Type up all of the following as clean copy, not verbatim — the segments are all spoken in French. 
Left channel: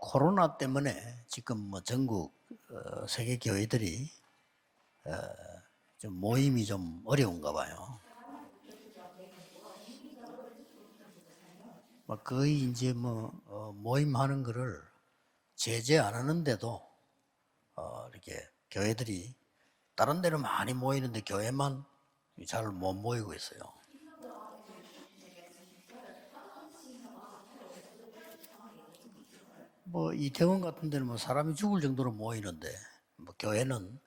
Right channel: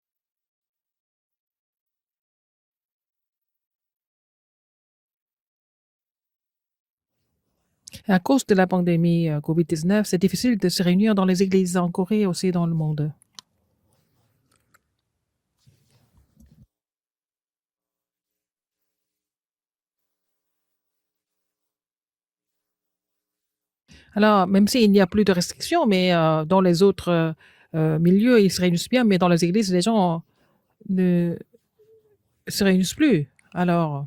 코로나 때문에 지금 뭐 전국 세계 교회들이 좀 모임이 좀 어려운가 봐요. À cause de la pandémie COVID-19, c'est difficile de se réunir dans les églises en Corée et aussi 거의 dans le 이제 monde. 뭐 모임하는 거를 제재 안 하는데도 이렇게 교회들이 다른 데는 많이 모이는데 교회만 잘 못 모이고 있어요. Alors, même s'il n'y a plus de restrictions, mais dans les autres milieux, ils se réunissent bien, mais dans les églises, les 뭐 gens 이태원 같은 데는 뭐 ne 사람이 죽을 정도로 se 모이는데 réunissent plus. 뭐 교회는 Alors,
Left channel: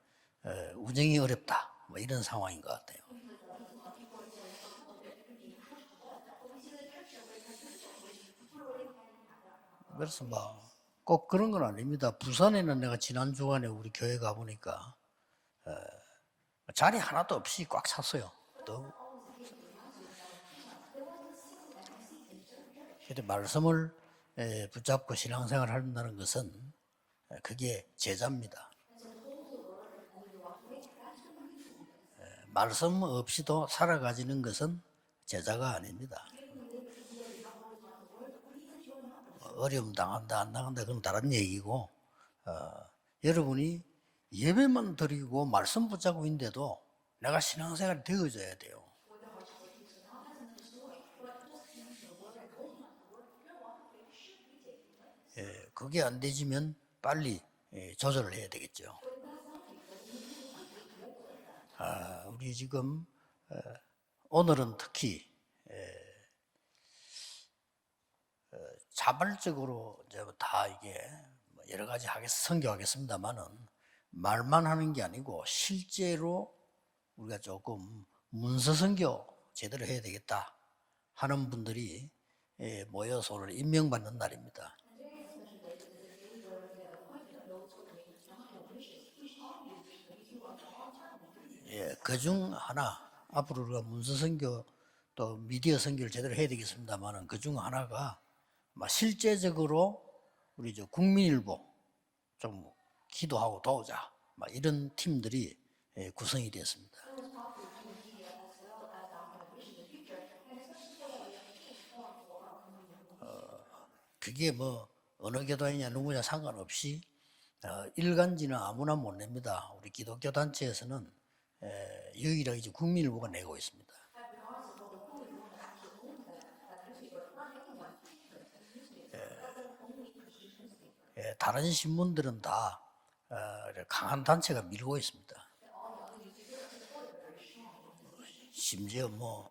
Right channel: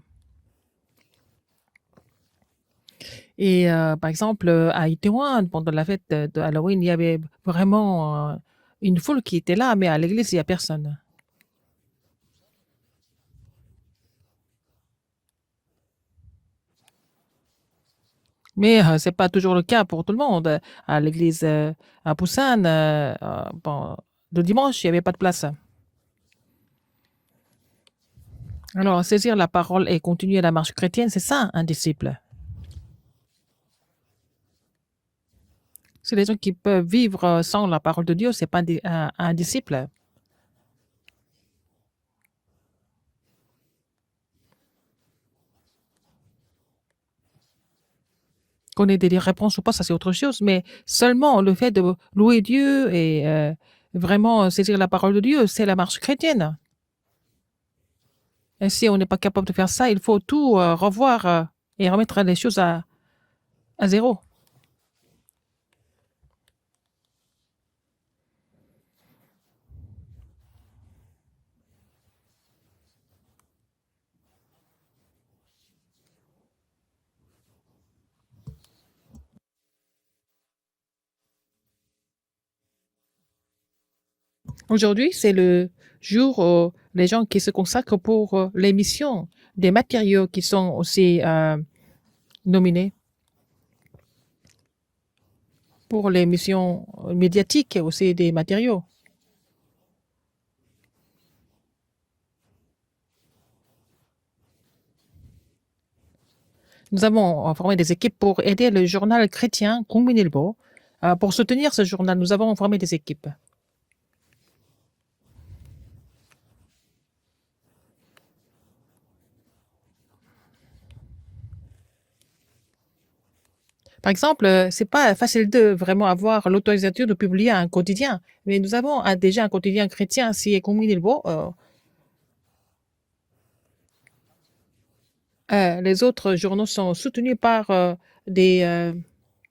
운영이 어렵다. 뭐 이런 상황인 것 같아요. et par exemple, à Itaewon, pendant la fête de Halloween, il y avait vraiment une foule qui était là, mais à 그래서 l'église, il n'y a 뭐 personne. 꼭 그런 건 아닙니다. 부산에는 내가 지난 주간에 우리 교회 가보니까 자리 하나도 없이 꽉 찼어요. Mais ce n'est pas toujours le cas pour tout le monde. À l'église à Busan, 이제 말씀을 bon, le dimanche, il n'y avait pas 붙잡고 de place. 신앙생활 한다는 것은 그게 제자입니다. Alors, saisir la parole et continuer la marche chrétienne, c'est ça, un disciple. 말씀 없이도 살아가지는 것은 제자가 C'est 아닙니다. les gens qui peuvent vivre sans la parole de Dieu, c'est pas un disciple. 어려움 당한다 안 당한다 그건 다른 얘기고 여러분이 예배만 드리고 말씀 붙잡고 있는데도 내가 신앙생활이 되어져야 돼요. Qu'on ait des réponses ou pas, ça c'est autre chose, mais seulement le fait de louer Dieu et vraiment saisir la parole de Dieu, c'est la marche 그게 안 chrétienne. 되시면 빨리 조절을 해야 Et 되겠죠. si on n'est pas capable de faire ça, il faut tout revoir et remettre les choses 지금 à zéro. 오늘은 특히 자발적으로 이제 다 이게 여러 가지 선교하겠습니다만은 말만 하는 게 아니고 실제로 우리가 조금 문서 선교 제대로 해야 되겠다 하는 분들이 모여서 오늘 임명받는 날입니다. Aujourd'hui, c'est le jour où les gens qui se consacrent pour les missions des matériaux qui sont aussi 그중 nominés 하나 앞으로 우리가 문서 선교 또 미디어 pour 선교 les 제대로 해야 missions 되겠습니다만 그중 médiatiques et aussi 하나가 des matériaux. 실제적으로 우리 국민일보 좀 기도하고 도우자 이런 팀들이 구성이 됐습니다. Nous avons formé des équipes pour aider le journal chrétien Kungminilbo. Pour soutenir ce journal, nous avons formé des équipes. 그게 뭐 어느 교단이냐 누구냐 상관없이 일간지는 아무나 못 냅니다. 우리 기독교 단체에서는 유일하게 이제 국민일보가 내고 있습니다. Par exemple, c'est pas facile de vraiment avoir l'autorisation de publier un quotidien, mais nous avons déjà un quotidien chrétien, c'est Kungminilbo. 다른 신문들은 다 강한 단체가 밀고 있습니다. Les autres journaux sont soutenus par 심지어 뭐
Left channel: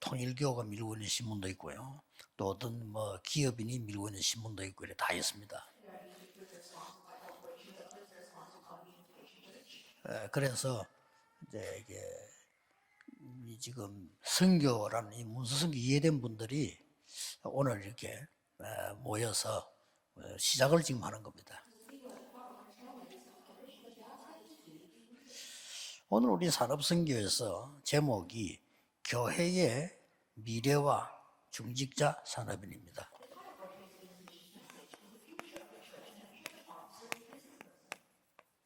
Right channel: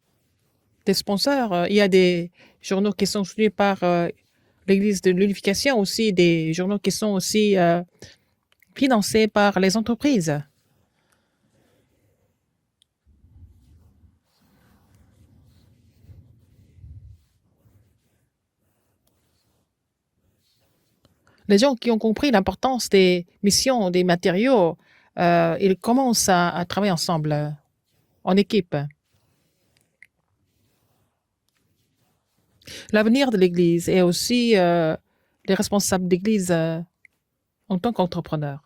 통일교가 밀고 des 있는 sponsors. 신문도 Il y a 있고요. des 또 어떤 journaux qui 뭐 sont soutenus 기업이 par 밀고 있는 신문도 있고 l'Église 다 de 있습니다. l'unification, aussi des journaux qui sont aussi financés par les entreprises. 그래서 이제 이게 지금 선교라는 이 문서선교 이해된 분들이 오늘 이렇게 모여서 시작을 지금 하는 겁니다. Les gens qui ont compris l'importance des missions, des matériaux, ils commencent 오늘 à travailler ensemble 사도신경에서 en 제목이 équipe. 교회의 미래와 중직자 산업입니다. L'avenir de l'Église et aussi les responsables d'Église en tant qu'entrepreneurs.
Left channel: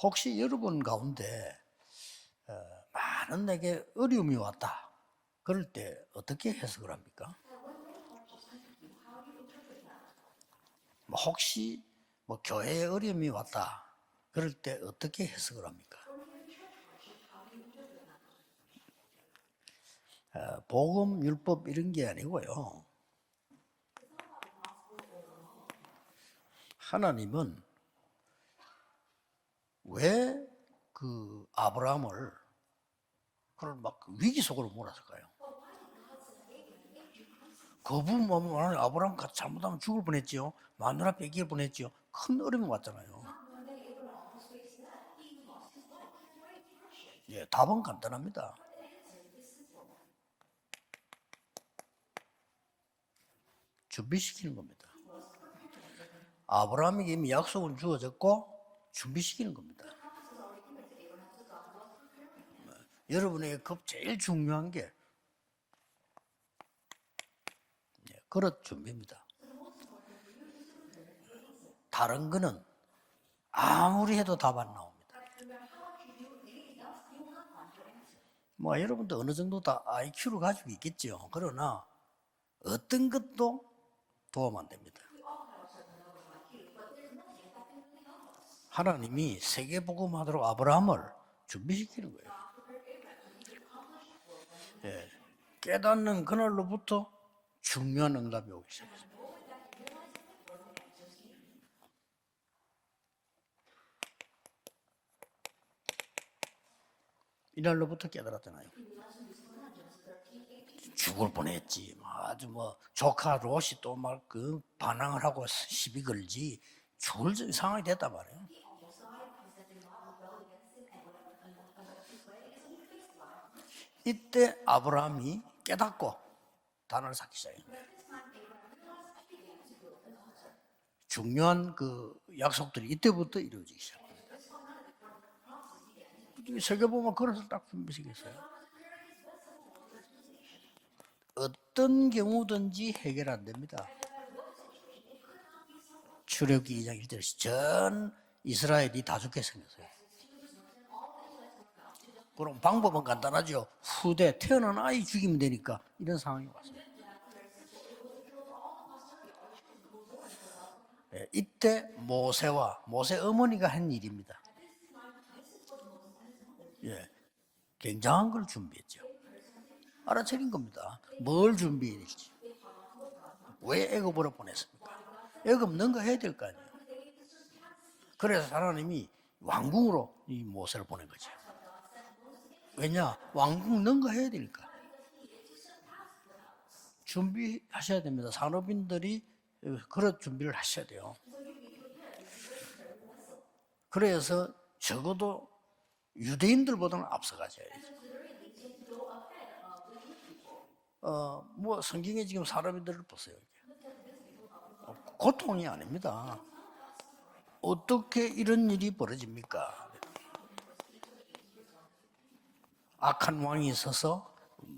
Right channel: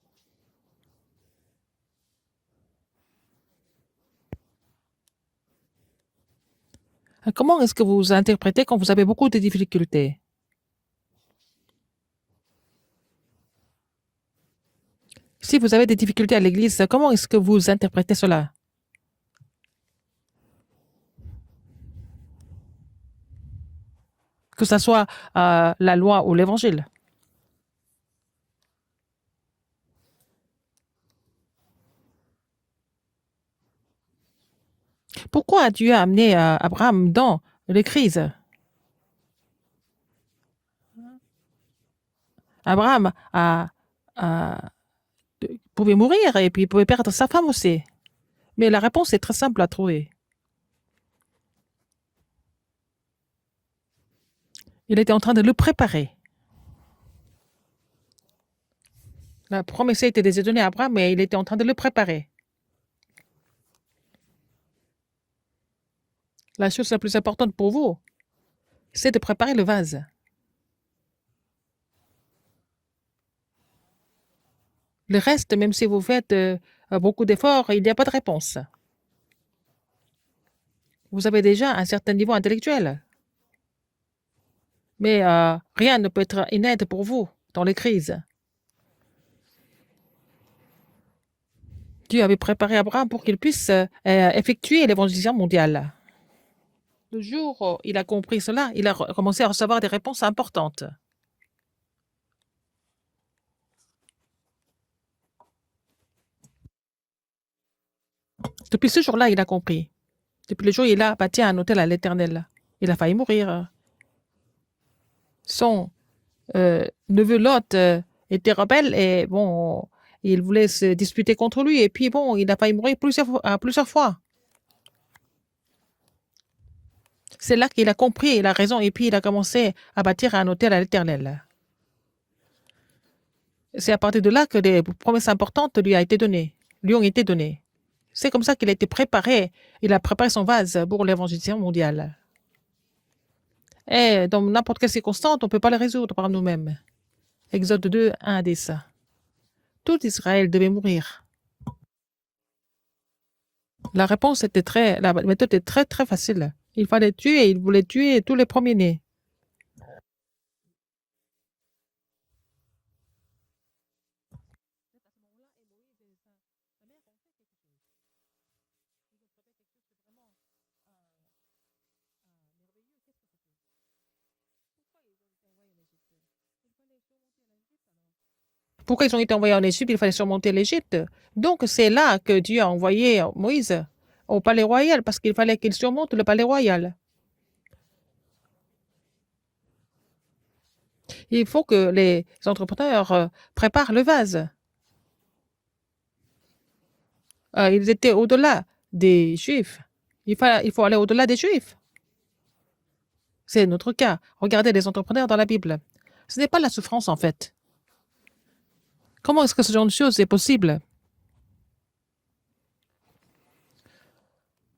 혹시 여러분 가운데 많은 내게 어려움이 왔다. 그럴 때 어떻게 해석을 합니까? Comment est-ce que vous interprétez quand vous avez beaucoup de difficultés? 혹시 뭐 교회에 어려움이 왔다. 그럴 때 어떻게 해석? Si vous avez des difficultés à l'Église, comment est-ce que vous interprétez cela? 복음 율법 이런 게 아니고요. Que ce soit la loi ou l'Évangile. 하나님은 왜 그 아브라함을 그런 막 위기 속으로 몰았을까요? Pourquoi Dieu a amené Abraham dans les crises? 아브라함 잘못하면 죽을 뻔했지요. 마누라 뺏길 뻔했지요. 큰 어려움이 Abraham pouvait mourir et puis il pouvait perdre sa femme aussi. 답은 간단합니다. Mais la réponse est très simple à trouver. 준비시키는 겁니다. Il était en train de le préparer. 아브라함에게 이미 약속은 주어졌고 준비시키는 La 겁니다. promesse a été déjà donnée à Abraham, mais il était en train de le préparer. 여러분에게 제일 중요한 게 La chose la plus importante pour vous, 그릇 준비입니다. c'est de préparer le vase. 다른 거는 아무리 해도 답 안 나옵니다. Le reste, même si vous faites beaucoup d'efforts, il n'y a pas de réponse. 뭐 여러분도 어느 정도 다 IQ를 가지고 있겠죠. Vous avez déjà 그러나 un certain niveau intellectuel, 어떤 것도 도움 안 됩니다. mais rien ne peut être une aide pour vous dans les crises. 하나님이 세계복음하도록 아브라함을 준비시키는 Dieu avait préparé Abraham pour qu'il puisse effectuer l'évangélisation mondiale. 깨닫는 그날로부터 Le jour où il a 중요한 compris 응답이 cela, il a commencé à recevoir des réponses importantes. 이날로부터 깨달았다. Depuis ce jour-là, il a compris. Depuis le jour où il a bâti un hôtel à l'Éternel, 아주 뭐 il a failli 조카 mourir. 롯이 또막 그 반항을 하고 Son 시비 걸지. neveu 죽을 Lot 상황이었단 말이에요. était rebelle et bon, il voulait se disputer contre lui. Et puis bon, il a failli mourir plusieurs fois. 이때 아브라함이 깨닫고 단을 쌓기 C'est là qu'il a compris, il a raison. Et puis il a commencé à bâtir un hôtel à l'Éternel. 중요한 그 약속들이 이때부터 이루어지. C'est à partir de là que des promesses importantes lui ont été données. Lui ont été données. C'est comme ça qu'il a été préparé. Il a préparé son vase pour l'évangélisation mondiale. 어떤 경우든지 해결 안 됩니다. Et dans n'importe quelle circonstance, on ne peut pas les résoudre par nous-mêmes. 출애굽기 2장 1절에서 Exode 2, 1 à 10. 이스라엘이 다 죽게 생겼어요. Tout Israël devait mourir. 그럼 방법은 간단하죠. La 후대 réponse était 태어난 la 아이 méthode était 죽이면 très 되니까. facile. Il fallait tuer, il voulait tuer tous les premiers-nés. 예, 이때 모세와 모세 어머니가 한 일입니다. 예, 굉장한 걸 준비했죠. 알아차린 겁니다. 뭘 준비했지? 왜 애굽으로 보냈습니까? 애굽 능가해야 될 거 아니에요. 그래서 하나님이 Pourquoi ils ont été envoyés en Égypte? Il fallait surmonter l'Égypte. Donc c'est là que Dieu a envoyé Moïse 능가해야 au 돼요. palais royal parce qu'il fallait qu'il surmonte le palais royal. 준비하셔야 됩니다. 산업인들이 그런 준비를 하셔야 돼요. Il faut que les entrepreneurs préparent le vase. 그래서 적어도 유대인들보다는 앞서가죠. Ils étaient au-delà des Juifs. Il faut aller au-delà des Juifs. 뭐 성경에 지금 산업인들을 보세요. C'est notre cas. Regardez les entrepreneurs dans la 고통이 Bible. 아닙니다. Ce n'est pas la souffrance en fait. 어떻게 이런 일이 Comment est-ce que ce 벌어집니까? genre de choses est possible? 악한 왕이 있어서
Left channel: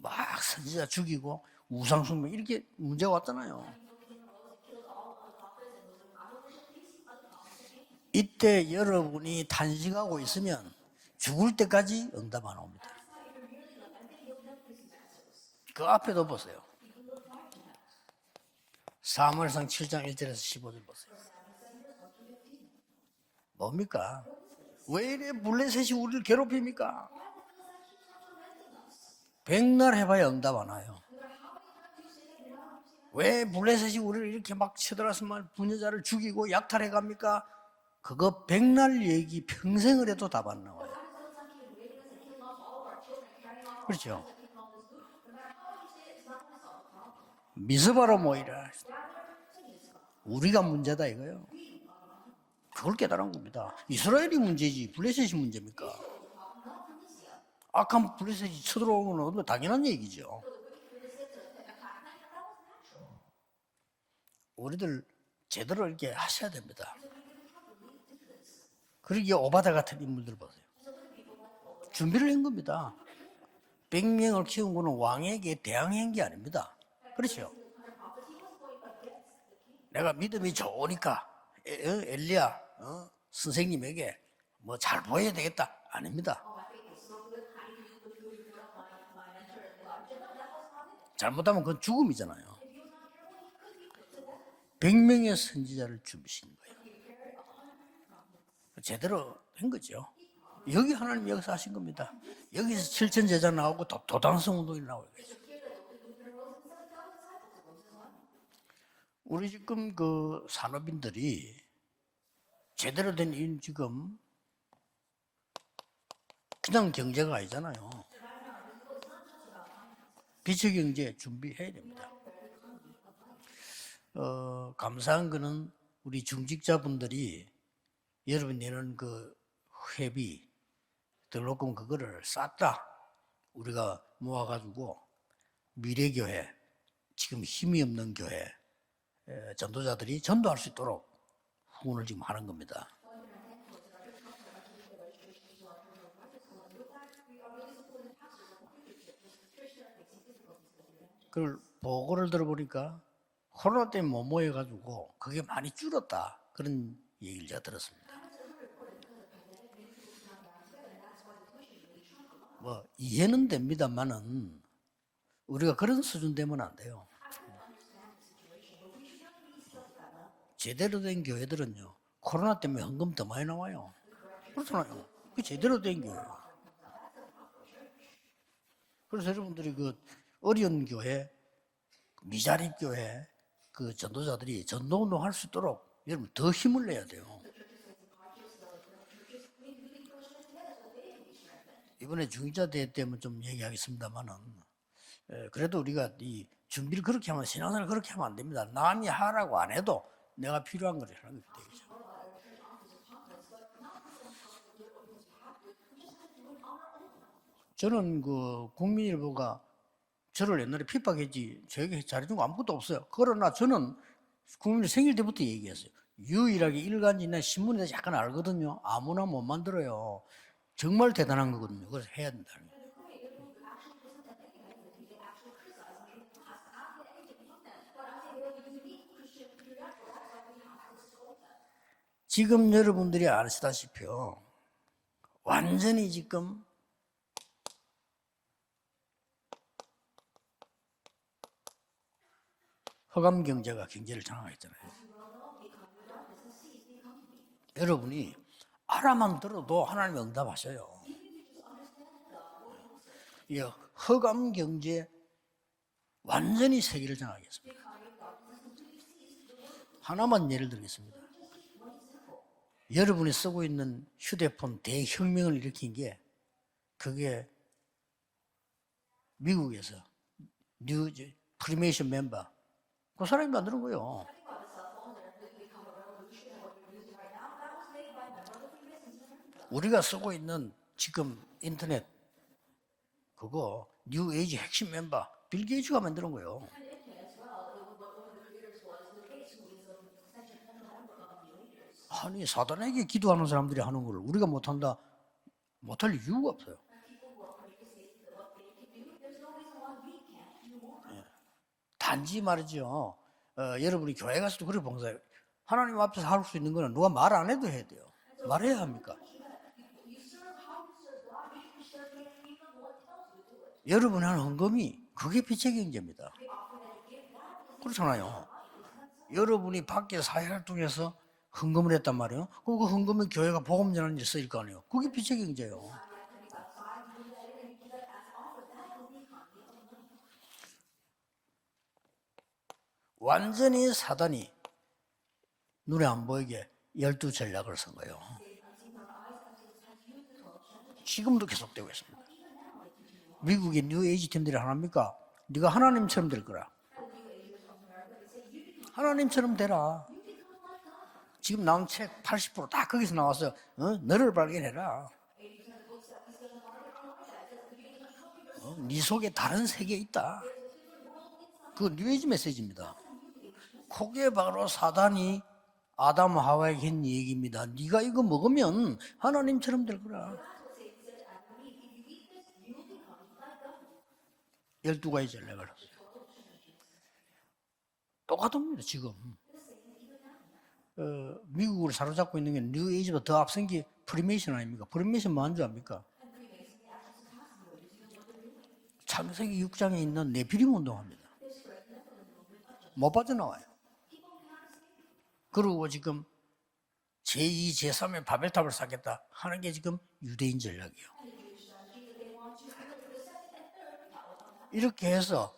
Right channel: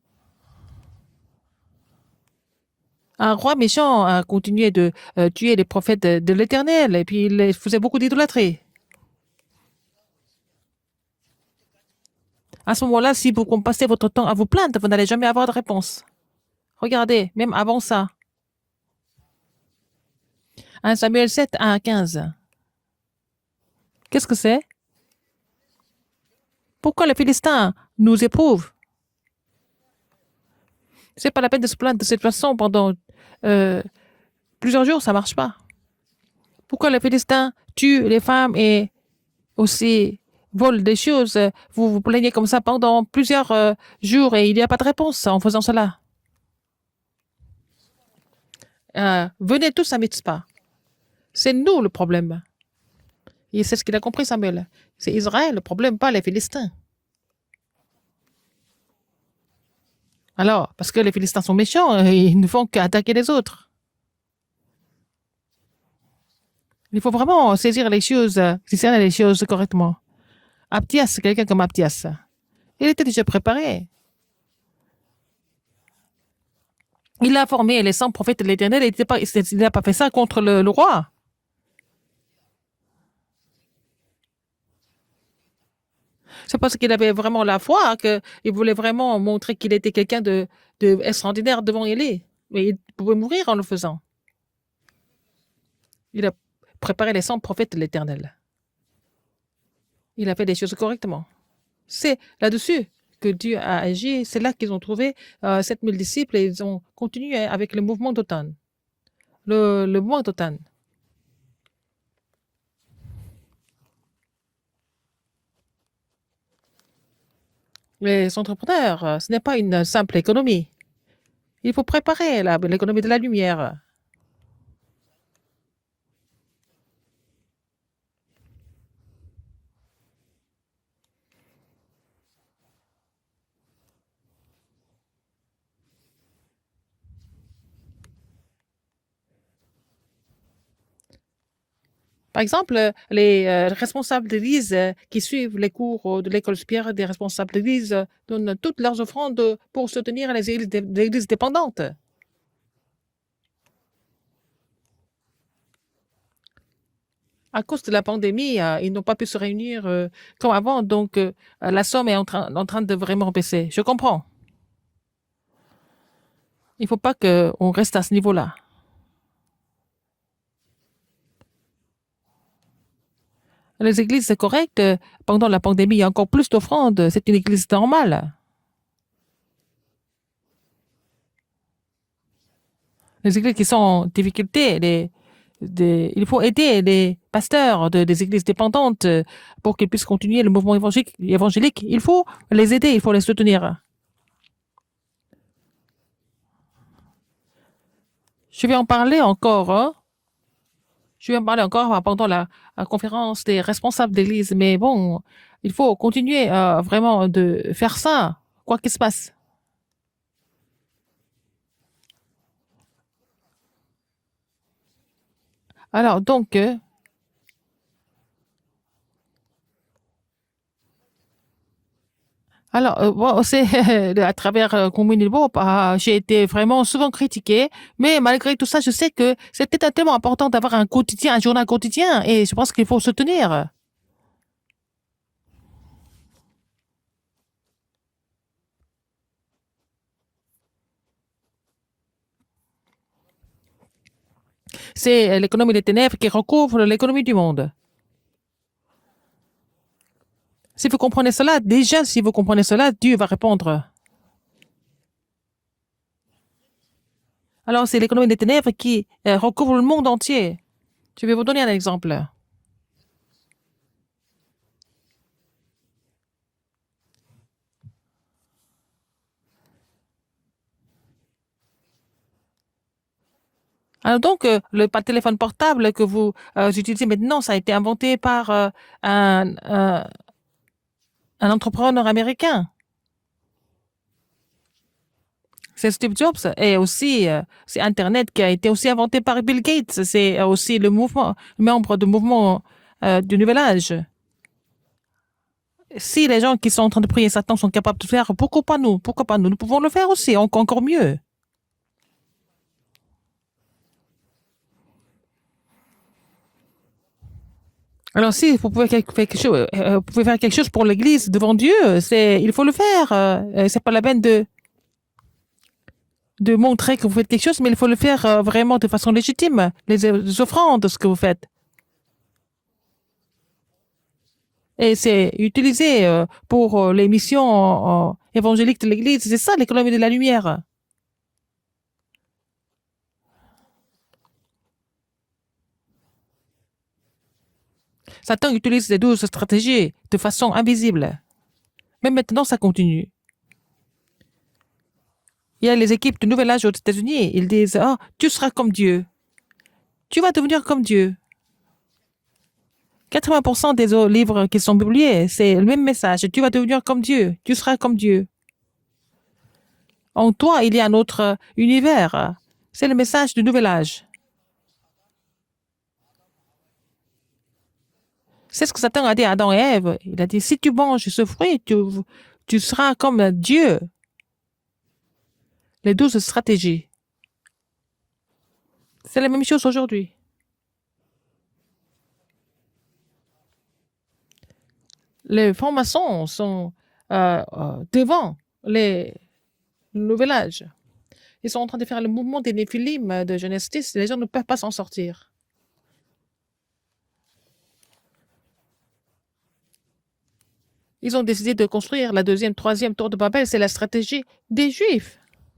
막 선지자 죽이고 우상숭배 이렇게 문제가 Un 왔다. roi méchant a continué de tuer les prophètes de l'Éternel et puis il faisait beaucoup d'idolâtrie. 이때 여러분이 탄식하고 있으면 죽을 때까지 응답 안 À 오고. ce moment-là, si vous passez votre temps à vous plaindre, vous n'allez jamais avoir de 그 réponse. 앞에도 보세요. Regardez, même avant ça, 사무엘상 7장 1절에서 15절. 1 Samuel 7, 1 à 15. 뭡니까? Qu'est-ce que c'est? 왜 이래 블레셋이 우리를 괴롭힙니까? Pourquoi les Philistins nous éprouvent? 백날 해봐야 응답 안 와요. C'est pas la peine de se plaindre de cette façon pendant 왜 블레셋이 우리를 이렇게 막 plusieurs jours, ça 치달아서 marche 막 pas. 부녀자를 죽이고 Pourquoi les 약탈해갑니까? Philistins tuent les 그거 femmes et 백날 얘기 aussi 평생을 해도 답 안 와. volent des choses? Vous vous plaignez comme ça pendant plusieurs jours et il n'y a pas de réponse en faisant cela. 미스바로 모이라. Venez tous à Mitzpah. 우리가 문제다 이거예요. C'est nous le problème. 그걸 깨달은 겁니다. Et c'est ce qu'il a compris, 이스라엘이 Samuel. 문제지, C'est 블레셋이 Israël le 문제지. problème, pas les Philistins. 악한 블레셋이 쳐들어오는 건 당연한 얘기죠. Alors, parce que les Philistins sont méchants, ils ne font qu'attaquer les autres. 우리들 제대로 이렇게 하셔야 됩니다. Il faut vraiment saisir les choses, discerner les 그러니까 choses 오바다 correctement. 같은 인물들 보세요. Abdias, quelqu'un comme Abdias. 준비를 한 겁니다. Il était déjà préparé. 100명을 키운 거는 왕에게 대항한 게 아닙니다. Il a formé les 100 prophètes de l'Éternel. Il n'a pas fait ça contre le roi. 엘리야 선생님에게 뭐 잘 보여야 되겠다. 아닙니다. C'est parce qu'il avait vraiment la foi qu'il voulait vraiment montrer qu'il était quelqu'un de extraordinaire devant Élie. Mais il pouvait mourir en le faisant. 100명의 선지자를 Il a 죽이신 거예요. préparé les 100 prophètes de l'Éternel. 제대로 한 거죠. Il a fait des choses 여기 correctement. 하나님 역사하신 겁니다. C'est là-dessus 여기서 que 칠천 Dieu a 제자 agi. 나오고 C'est là qu'ils ont 도당성이 trouvé 7000 disciples et ils ont continué avec le mouvement d'automne. 우리 le 지금 mois 그 d'automne. 산업인들이 제대로 된 지금 그냥 경제가 아니잖아요. Les entrepreneurs, ce n'est pas une simple économie. 기술 경제 준비해. Il faut préparer l'économie de la lumière. 감사한 거는 우리 중직자분들이 여러분 내는 그 회비 등록금 그거를 쌌다 우리가 모아가지고 미래교회 지금 힘이 없는 교회 전도자들이 전도할 수 있도록 후원을 지금 Par 하는 exemple, les responsables d'église qui suivent les cours de l'école supérieure des responsables d'église donnent toutes leurs offrandes pour soutenir les églises dépendantes. 보고를 들어보니까 코로나 때문에 못 모여가지고 그게 많이 줄었다 그런 얘기를 À 제가 cause de 들었어요. la pandémie, ils n'ont pas pu se réunir comme avant, donc la somme est en 뭐 train de vraiment 이해는 baisser. Je comprends. 됩니다만은 우리가 그런 수준 되면 안 Il ne faut 돼요. pas qu'on reste à ce niveau-là. 제대로 된 교회들은요. 코로나 때문에 헌금 더 많이 나와요. Les églises, c'est correct. Pendant la 제대로 pandémie, 된 il y a 교회. encore plus d'offrandes. C'est une église normale. 그래서 여러분들이 그 어려운 교회, 미자립 교회, Les églises qui sont en 전도자들이 difficulté, 전도운동할 수 있도록 il faut 더 aider 힘을 내야 les 돼요. pasteurs des églises dépendantes pour qu'ils puissent continuer le mouvement évangélique. Il faut 이번에 les 중직자 aider, il faut les 때문에 좀 soutenir. 얘기하겠습니다만은 그래도 우리가 이 준비를 그렇게 하면 신앙생활 그렇게 하면 안 됩니다. Je vais en 만약에 parler 하라고 encore. 안 해도 내가 필요한 거예요. Je vais en parler encore pendant la conférence des responsables d'église. Mais bon, il faut continuer vraiment de faire 저는 ça, 그 quoi qu'il se passe. 국민일보가 저를 옛날에 핍박했지 저에게 잘해준 거 아무것도 없어요. 그러나 저는 국민일 생일 때부터 얘기했어요. Alors, donc, 유일하게 일간지나 신문에서 약간 알거든요. 아무나 못 만들어요. 정말 대단한 거거든요. 그래서 해야 된다. alors bon, c'est à travers Communilbo, j'ai été vraiment souvent critiquée, mais malgré tout ça, je sais que c'était tellement important d'avoir un quotidien, un journal quotidien, et je 지금 pense qu'il faut se 여러분들이 tenir. 아시다시피요. 완전히 지금 허감 경제가 경제를 장악했잖아요. C'est l'économie des ténèbres qui recouvre l'économie du monde. 여러분이 알아만 들어도 하나님 응답하셔요. Si vous comprenez cela, déjà, si vous comprenez cela, Dieu va répondre. 허감 경제 완전히 세계를 장악했습니다. Alors, c'est l'économie des ténèbres qui recouvre le monde 하나만 entier. 예를 들겠습니다. Je vais vous donner un exemple. 여러분이 쓰고 있는 휴대폰 대혁명을 일으킨 게 그게 미국에서 뉴 프리메이션 멤버 그 사람이 만드는 거예요. Alors donc, le téléphone portable que vous utilisez maintenant, ça a été inventé par 우리가 쓰고 있는 지금 un entrepreneur américain. 그거 뉴 에이지 핵심 멤버 빌 C'est 게이츠가 Steve 만든 Jobs. 거예요. Et aussi, c'est Internet qui a été aussi inventé par Bill Gates. C'est aussi le mouvement, membre du mouvement 사단에게 du 기도하는 Nouvel 사람들이 Âge. 하는 걸 우리가 못한다. 못할 Si les 이유가 gens qui sont en train de prier Satan sont capables de faire, pourquoi pas nous? Pourquoi pas nous? Nous pouvons le faire aussi, encore mieux. 단지 말이죠. 여러분이 교회 가서도 그렇게 봉사해요. 하나님 앞에서 할 수 있는 거는 누가 말 안 해도 해야 돼요. Alors si vous pouvez faire quelque chose pour l'Église devant Dieu, il faut le faire. C'est pas la peine 여러분의 헌금이 그게 빛의 경제입니다. de montrer que vous faites quelque chose, mais il faut le faire vraiment de façon légitime. Les offrandes, ce que vous faites. 헌금을 했단 말이에요. 그 헌금은 교회가 복음 전하는 데 쓰일 거 아니에요. Et 그게 c'est 빛의 경제예요. utilisé pour les missions évangéliques de l'Église. C'est ça l'économie de la lumière. 완전히 사단이 눈에 안 보이게 12 전략을 쓴 거예요. Satan utilise les 12 stratégies de façon invisible. 지금도 계속되고 있어요. Même maintenant, ça continue. 미국의 뉴 에이지 팀들이 하나입니까? Il y a les équipes du Nouvel Âge aux États-Unis. Ils disent, oh, tu seras comme Dieu. 하나님처럼 되라. Tu vas devenir comme Dieu. 지금 나온 책 80%다 거기서 80% des livres qui sont publiés, c'est le même message. Tu vas devenir comme Dieu. Tu seras comme Dieu. 네 속에 다른 세계 있다. En toi, il y a un autre univers. 그게 메시지입니다. C'est le message du Nouvel Âge. 그게 바로 사단이 아담 하와에게 한 얘기입니다. 네가 이거 먹으면 C'est ce que Satan a dit à Adam et Ève. Il a dit, si tu manges ce fruit, tu seras comme Dieu. 12가지 전략을 Les 12 stratégies. 똑같습니다. 지금 C'est la même chose aujourd'hui. 미국을 사로잡고 있는 게 뉴 에이지보다 더 앞선 게 프리메이션 아닙니까? 프리메이션 Les 뭔지 압니까? francs-maçons sont devant les 창세기 6장에 Nouvel 있는 Âge. 네피림 운동합니다. Ils sont en train de faire le mouvement des Néphilim de Genèse 10. Les gens ne peuvent pas s'en sortir. 그리고 지금 제2, 제3의 바벨탑을 쌓겠다 하는 게 지금 유대인 전략이에요. Ils ont décidé de construire la deuxième, troisième tour de Babel. C'est la stratégie des Juifs. 이렇게 해서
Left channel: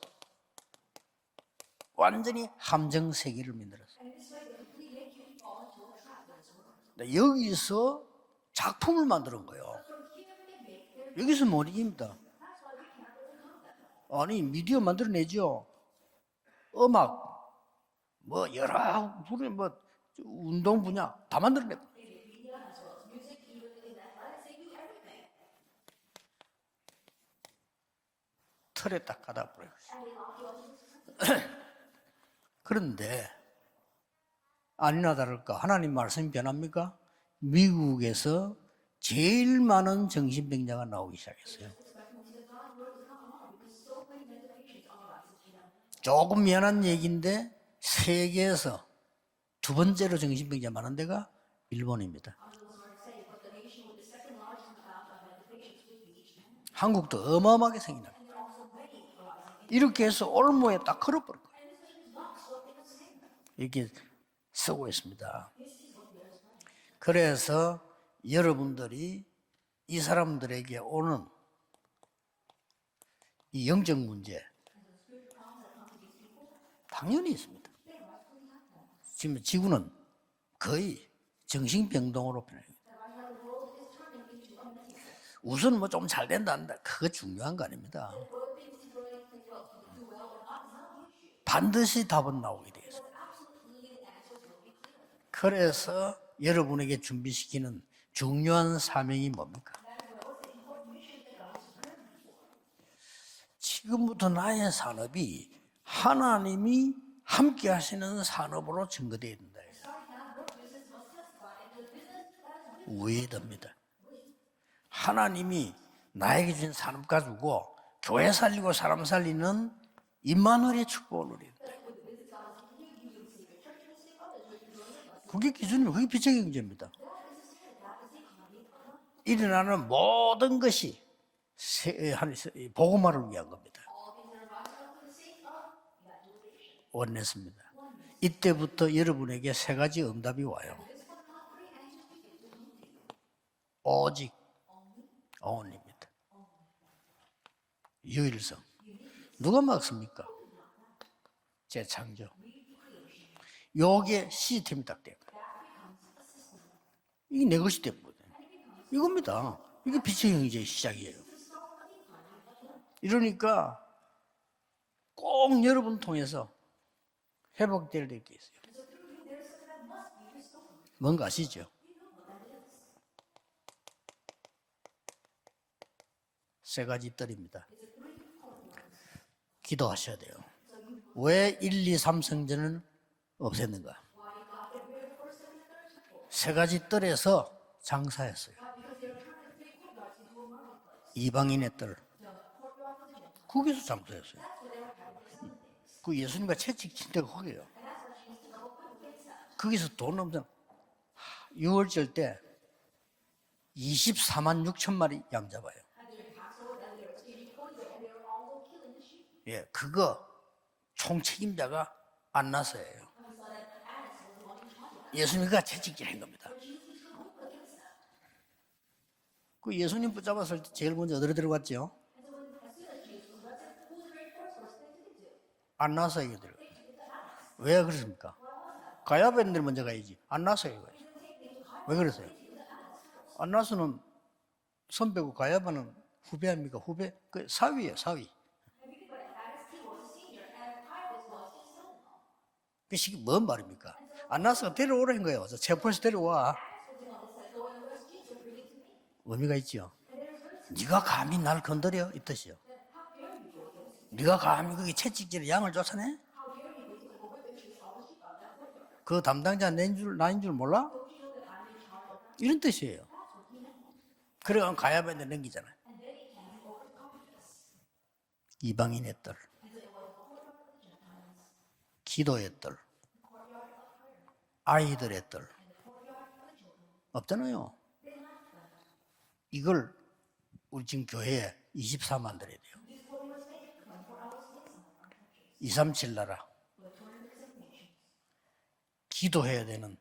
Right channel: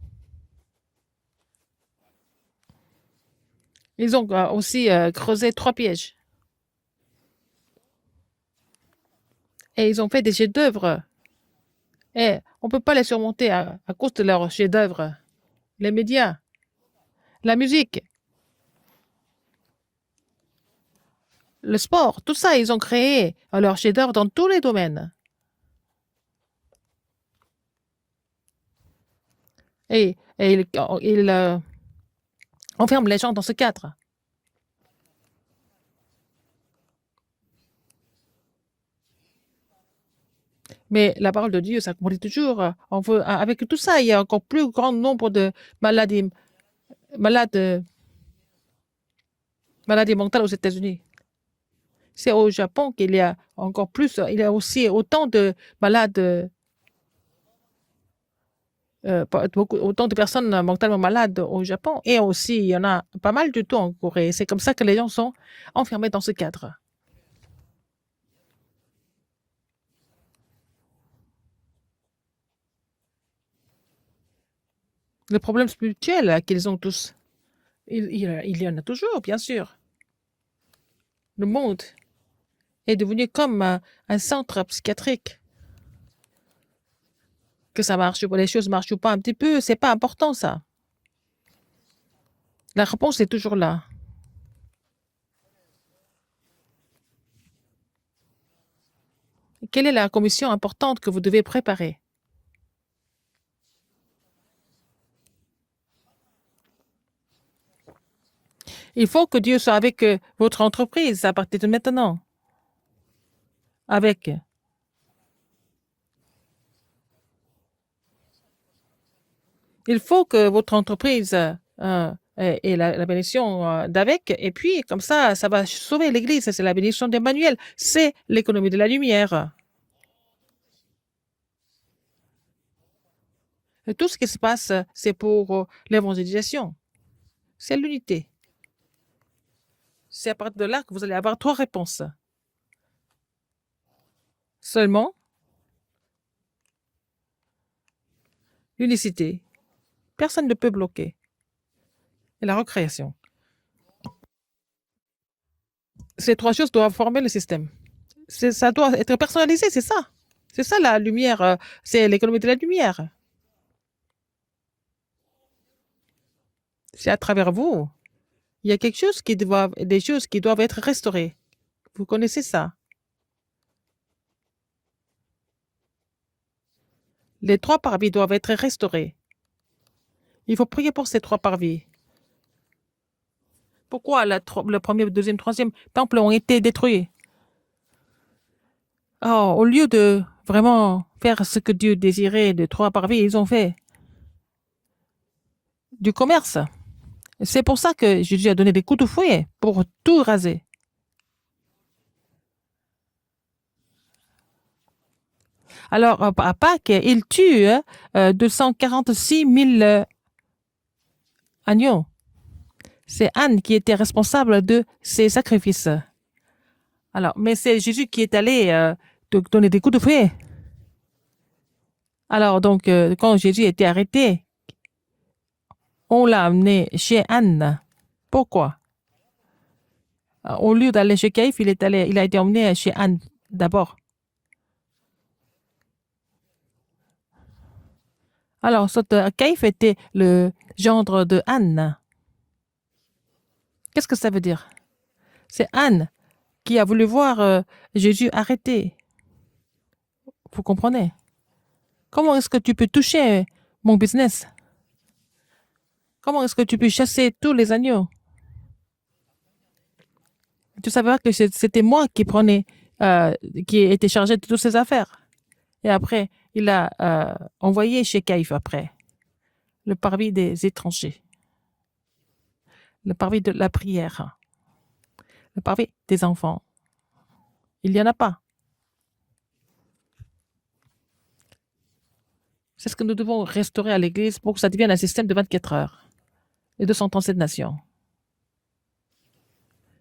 완전히 함정 세계를 만들었어요. Ils ont aussi creusé 3 pièges. 여기서 작품을 만드는 거예요. Et ils ont fait des chefs-d'œuvre. 여기서 못 이깁니다. Et on ne peut pas les surmonter à cause de 아니, leurs 미디어 chefs-d'œuvre. 만들어내죠. Les médias, 음악, la musique, 뭐 여러 분야, 뭐 운동 분야 다 만들. le sport, tout ça, ils ont créé leurs chefs-d'œuvre dans tous les domaines. 틀에 딱 가다 버려요. Et ils enferment les 그런데 gens dans ce cadre. 아니나 다를까 하나님 말씀이 변합니까? 미국에서 제일 많은 정신병자가 Mais 나오고 la parole de Dieu s'accomplit toujours. Avec tout ça, il y a encore plus grand nombre de maladies, 조금 미안한 얘기인데 malades, 세계에서 두 maladies 번째로 mentales aux 정신병자 États-Unis. 많은 데가 일본입니다. C'est au Japon qu'il y a encore plus, il y a aussi autant de malades, 한국도 어마어마하게 생기나. autant de personnes mortellement malades au Japon. Et aussi, il y en a pas mal du tout en Corée. C'est comme ça que les gens sont enfermés dans ce cadre. 그래서 여러분들이 이 사람들에게 오는 이 영적 문제 Le problème spirituel qu'ils ont tous, 당연히 있습니다. il y en a toujours, bien sûr. 지구는 거의 Le monde 정신병동으로 변해요. est devenu comme un centre psychiatrique. 우선 뭐 좀 잘 된다 한다. 그거 중요한 거 아니에요. Que ça marche, les choses marchent ou pas un petit peu, c'est pas important ça. 반드시 답은 나오기. La réponse est toujours là. 그래서 여러분에게 준비시키는 중요한 사명이 뭡니까? Quelle est la commission importante que vous devez préparer? 지금부터 나의 산업이 하나님이 함께 하시는 산업으로 Il faut que 준비돼요. Dieu soit avec votre entreprise à partir de maintenant. 우회됩니다. Avec. 하나님이 나에게 준 산업 가지고 교회 살리고 사람 살리는 Il faut que 이만원의 votre entreprise ait la bénédiction d'avec, et puis comme ça va sauver l'Église. C'est la bénédiction d'Emmanuel. C'est l'économie de la lumière. 일어나는 모든 것이 복음화를 위한 겁니다. Et tout ce qui se passe, c'est pour l'évangélisation. 원냈습니다. C'est l'unité. 이때부터 여러분에게 세 가지 C'est à 응답이 partir de 와요. là que vous allez avoir 3 réponses. 오직 Seulement only입니다. 유일성. l'unicité. 누가 막습니까? Personne ne peut bloquer. 재창조. Et la recréation. 요게 시스템이 딱 돼요. Ces 3 choses doivent former le 내 système. 것이 돼버려. Ça doit être personnalisé, c'est ça. 빛의 형제. C'est ça la lumière. C'est l'économie de la lumière. 이러니까 꼭 여러분 통해서 C'est à travers vous. 회복될 게 있어요. Il y a quelque chose des choses qui doivent être 뭔지 restaurées. 아시죠? Vous connaissez ça. 세 가지 뜰입니다. Les 3 parvis doivent être restaurés. 기도하셔야 돼요. Il faut prier pour ces 3 왜 parvis. 1, 2, 3 성전을 없앴는가? Pourquoi le premier, le deuxième, troisième temple ont 세 été 가지 détruits? 뜰에서 장사했어요. Oh, au lieu de vraiment faire ce que Dieu désirait de 3 parvis, ils ont fait 거기서 장사했어요. du commerce. 예수님과 채찍 친 데가 거기. C'est pour ça que Jésus a donné des coups de fouet pour tout raser. 6월절 때 24만 6천 마리 양 잡아요. Alors, à Pâques, il tue 246 000 그거 총책임자가 agneaux. 안나서예요. C'est Anne qui était responsable de ces 예수님과 sacrifices. 채찍질 한 겁니다. Alors, mais c'est Jésus qui est allé donner des coups de 예수님 fouet. 잡았을 때 제일 먼저 어디로 들어갔죠? Alors, donc, quand Jésus était arrêté, 안나서. on l'a amené chez Anne. 왜 그렇습니까? Pourquoi? 가야벤들 먼저 가야지. 안나서. Au lieu d'aller chez Caïphe, il a été emmené chez Anne d'abord. 안나서 선배고 가야반은 후배입니까? 후배? 그 사위예요, 사위. Alors, Caïphe était le gendre de Anne. 그게 뭔 말입니까? Qu'est-ce que ça veut dire? 안나서 데려오라는 거예요. C'est 체포해서 Anne. 데려와. Qui a voulu voir Jésus arrêté. 의미가 있죠. Vous comprenez? 네가 감히 날 건드려? Comment est-ce que tu peux toucher mon 네가 business? 감히 거기 채찍질에 양을 쫓아내? Comment est-ce que tu peux chasser tous les agneaux? 그 담당자 나인 줄 몰라? Tu savais pas que c'était moi qui prenais, 무슨 뜻이에요? qui était chargé de toutes ces affaires. 가야반에 넘기잖아. Et après, il a envoyé chez Caïphe après, 이방인의 뜰, le parvis des étrangers, 기도의 뜰, le parvis de la prière, 아이들의 뜰 le parvis des enfants. 없잖아요. Il n'y en a pas. 이걸 우리 지금 교회에 24만 들어야 돼요. C'est ce que nous devons restaurer à l'Église pour que ça devienne un système de 24 heures 237 나라. et 237 nations. 기도해야 되는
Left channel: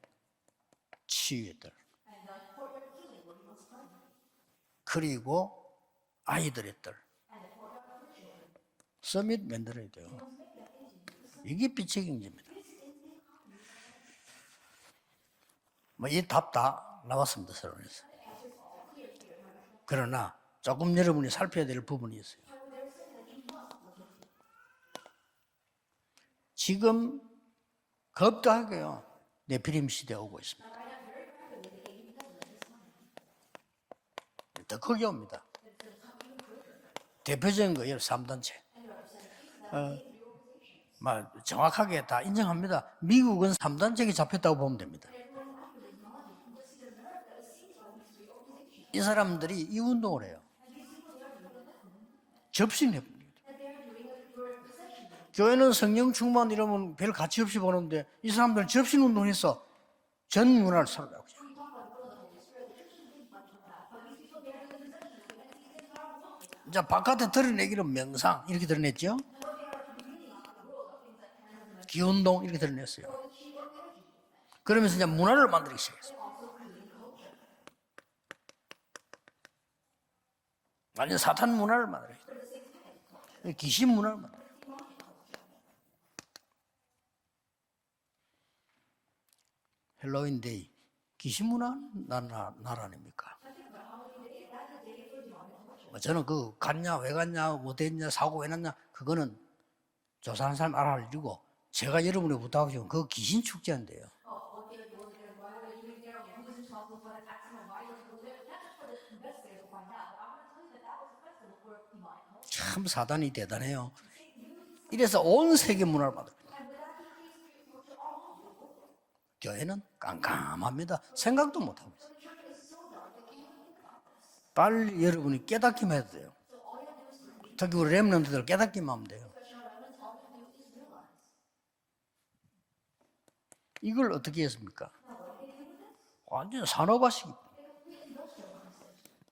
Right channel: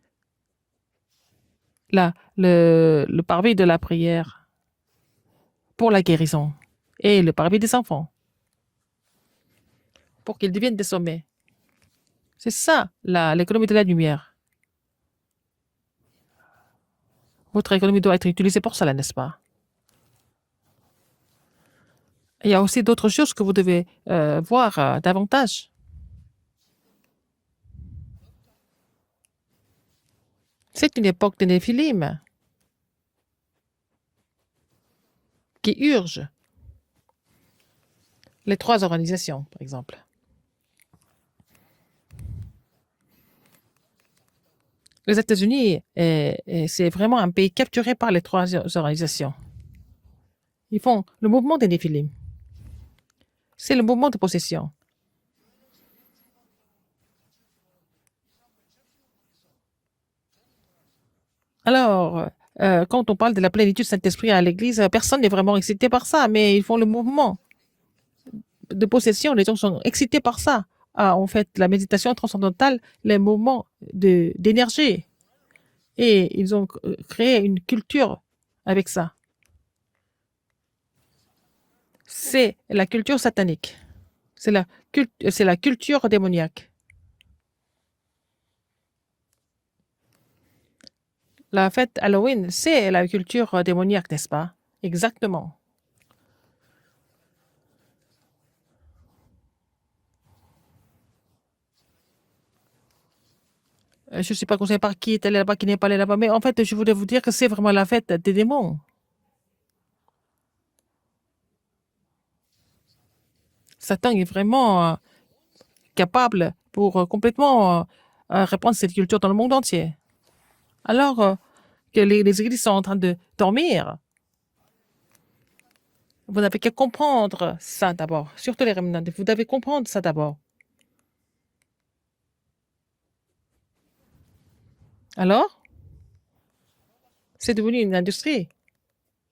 치유의 뜰. Là, le parvis de la prière 그리고 pour la guérison 아이들의 뜰. et le parvis des enfants 서밋 만들어야 돼요. pour qu'ils deviennent des sommets. 이게 빛의 경제입니다. C'est ça, l'économie de la lumière. 뭐이 답 다 나왔습니다. Votre économie doit être utilisée pour cela, n'est-ce pas? 그러나 조금 여러분이 살펴야 될 부분이 있어요. Il y a aussi d'autres choses que vous devez voir davantage. 지금 겁다하게요. 네피림 시대 오고 있습니다. C'est une époque de Néphilim 더 크게 옵니다. qui urge 대표적인 거예요. 3단체. les 3 organisations, par exemple. 정확하게 다 인정합니다. 미국은 3단체에 잡혔다고 보면 됩니다. Les États-Unis, c'est vraiment un pays capturé par les 3 이 organisations. 사람들이 이 운동을 해요. Ils font le mouvement des Néphilim. 접신해. C'est le mouvement de possession. 교회는 성령 충만 이러면 별 가치 없이 보는데 이 사람들은 접신 운동해서 전 문화를 살아가고 있어요. Alors, quand on parle de la plénitude Saint-Esprit à l'Église, personne n'est vraiment excité par ça, mais ils font le 자, 바깥에 mouvement 드러내기는 명상 이렇게 de 드러냈죠. possession. Les gens sont excités par ça. Ah, en fait, la méditation 기운동 이렇게 transcendantale, 드러냈어요. les mouvements 그러면서 d'énergie. 이제 문화를 만들기 시작해요. Et ils ont créé une culture avec ça. 완전 사탄 문화를 만들어요. C'est la culture satanique. 귀신 문화를 만들어요. C'est la culture démoniaque. 헬로윈 데이. 귀신 La 문화. fête Halloween, c'est la culture démoniaque, n'est-ce pas? Exactement. 저는 그 갔냐 왜 갔냐 어땠냐 사고 왜 났냐 그거는 조사하는 사람 알아할 일이고 제가 여러분에 부탁하고 싶은 그 귀신 축제인데요. Je ne suis pas conseillé par qui est allé là-bas, qui n'est pas allé là-bas, mais en fait, je voulais vous dire que c'est vraiment la fête des démons. 참 사단이 대단해요. Satan est vraiment 이래서 온 세계 문화를 capable pour complètement répandre cette culture dans le monde entier. 깜깜합니다. Alors 생각도 못하고 que les églises sont en train de dormir, 빨리 여러분이 깨닫기만 해도 돼요. vous n'avez qu'à comprendre Parce que ça les d'abord. remnants, Surtout les qu'est-ce qu'ils remnants, demandent? vous devez comprendre ça d'abord. 이걸 어떻게 했습니까? Alors, 완전 산업화식. c'est devenu une industrie